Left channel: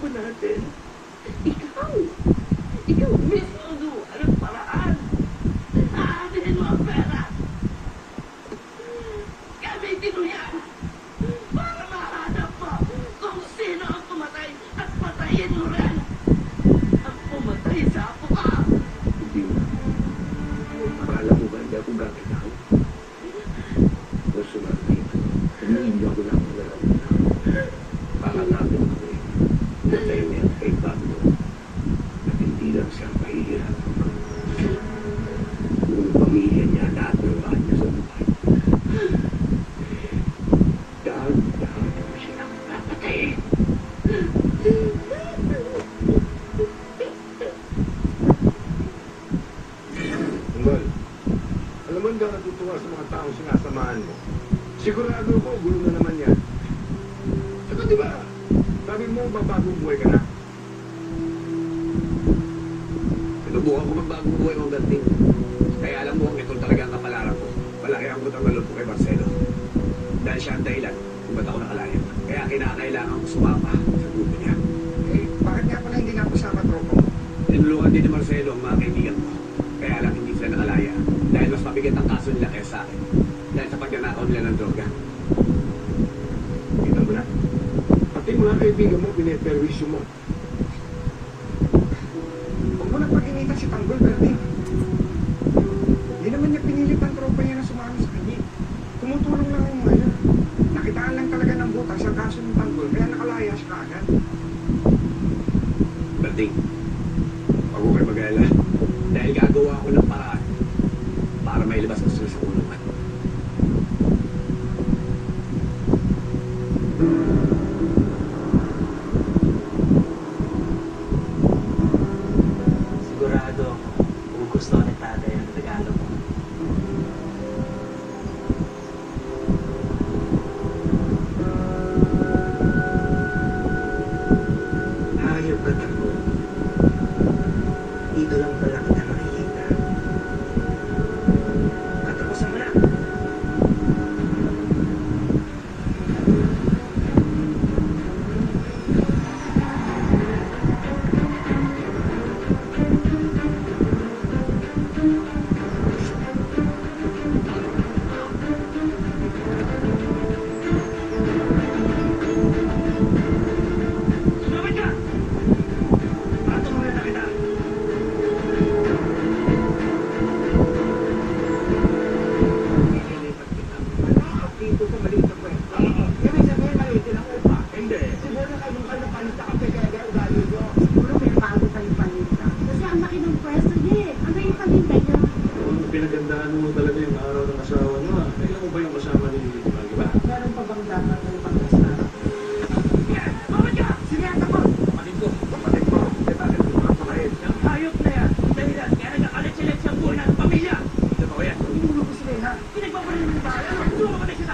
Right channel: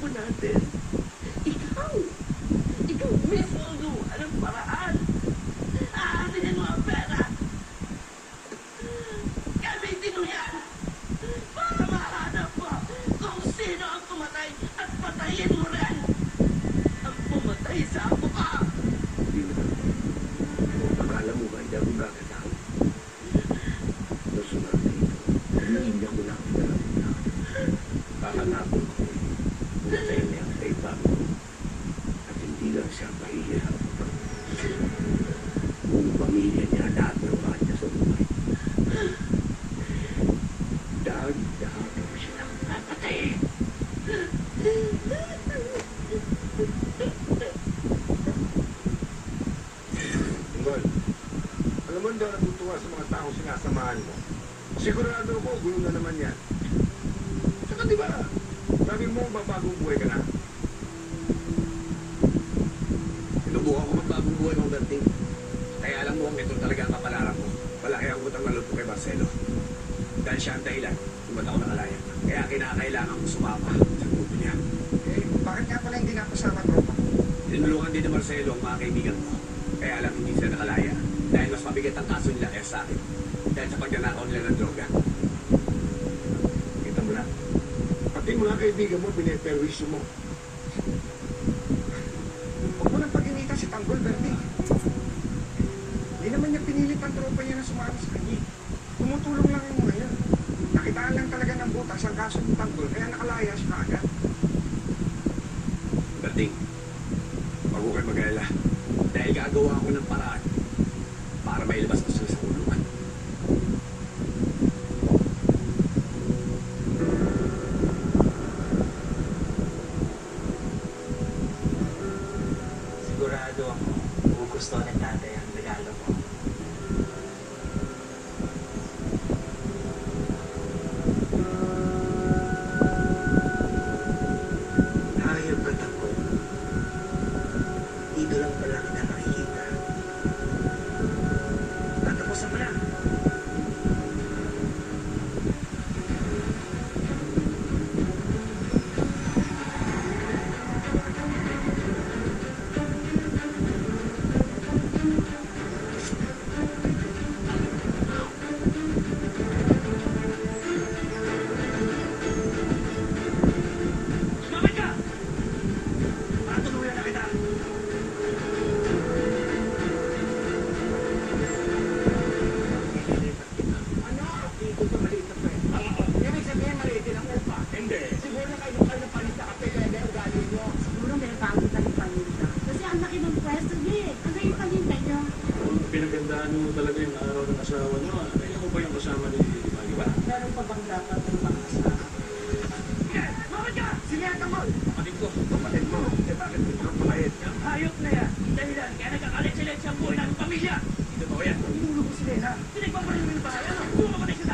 apo natin. Ikaw! Ikaw mismo ang gumawa ng paraan. Aaminin mo ang pera. Gamitin mo yan para mahanap mo kung sino ang pumatay at patayin mo rin ang pumatay sa apo ka. Hindi mo. Akala mo ba hindi ako gagalaw? Gusto natin. Hindi ako lang gagalaw na. Baka natin ako eh. Natay na yung kay Bago. At hindi lang siya mahihirap. Yung pamilya niya, lahat ng bahan niya sa buhay. Dahil mo silang papatayin. Ungol, alam mo hindi ako natutuwa sa mga taong sinasamahan mo. Sigurado ko, gulo na naman yan. Saka di ba, sabi mo magbagong buhay ka na? Sinubukan ko magbagong buhay ng ganting. Kaya alam mo, ito talaga ang kapalaran ko. Malaki ang butang ng loob ko kay Marcelo. Dahil siya ang dahilan kung ba't ako nakalaya. Kaya kinakailangan ko sumapa sa grupo niya. Eh, bakit nga pala hindi napasama tropa mo? Tinulungan din ni Marcelo ang mga kaibigan ko. Kaya lang hindi sila nakalaya. Dahil mas mabigat ang kaso nila kaya sa akin. Dahil sa pagnanakaw nila ng droga. Kita mo na. Pati mo na ang kaibigan mo, piniperwisyo mo. Huwag mo nang pag-initan si Tanggol, Berting. Hindi naman niya pinilit ang tropa niya na sumama sa kanya. Tumutulong lang yung mga yun. Nakitaan lang talaga ng butas ang kaso ng Tanggol, kaya nakalaya siya agad. Berting, wag ko kayo mag-alala. Dahil gagawa ko ng paraan para mailabas ang sulit sa kulungan. Sigurado ako, gugustuhan ni tatay ang regalo mo. Hayop ka, Tanggol. Dito lang pala kita makikita. Patapusan mo na. Sumabay ka! Para tumawin na kita. Dito sa maliit na kwento. Ibig sabihin maliit ang upa. Hindi. Siguro kayo panis na kape kaya kaya ugali nyo. Siguro may bago tayong paninda. Kasi ang laki ng pwesto niya eh. Ang laki paninda niya. Pinagandaan mo talaga yung araw ng asawa niyo. Kailan mo ba yung kasama ni Pagi ba? Meron pa bang dapat ng pangkasla? Sumabay ka! Sige, Tanggol. Kapatid ko. Kapatid mo, eh bakit mo makapakain? Yung hayop na yan, dahilan kaya nag-aalit-silit sa buhay ng pamilya. Ito ba yan? Inulo ko sila, ha? Pinagpaparin mo yung bahay. Ano? Sumabay kita!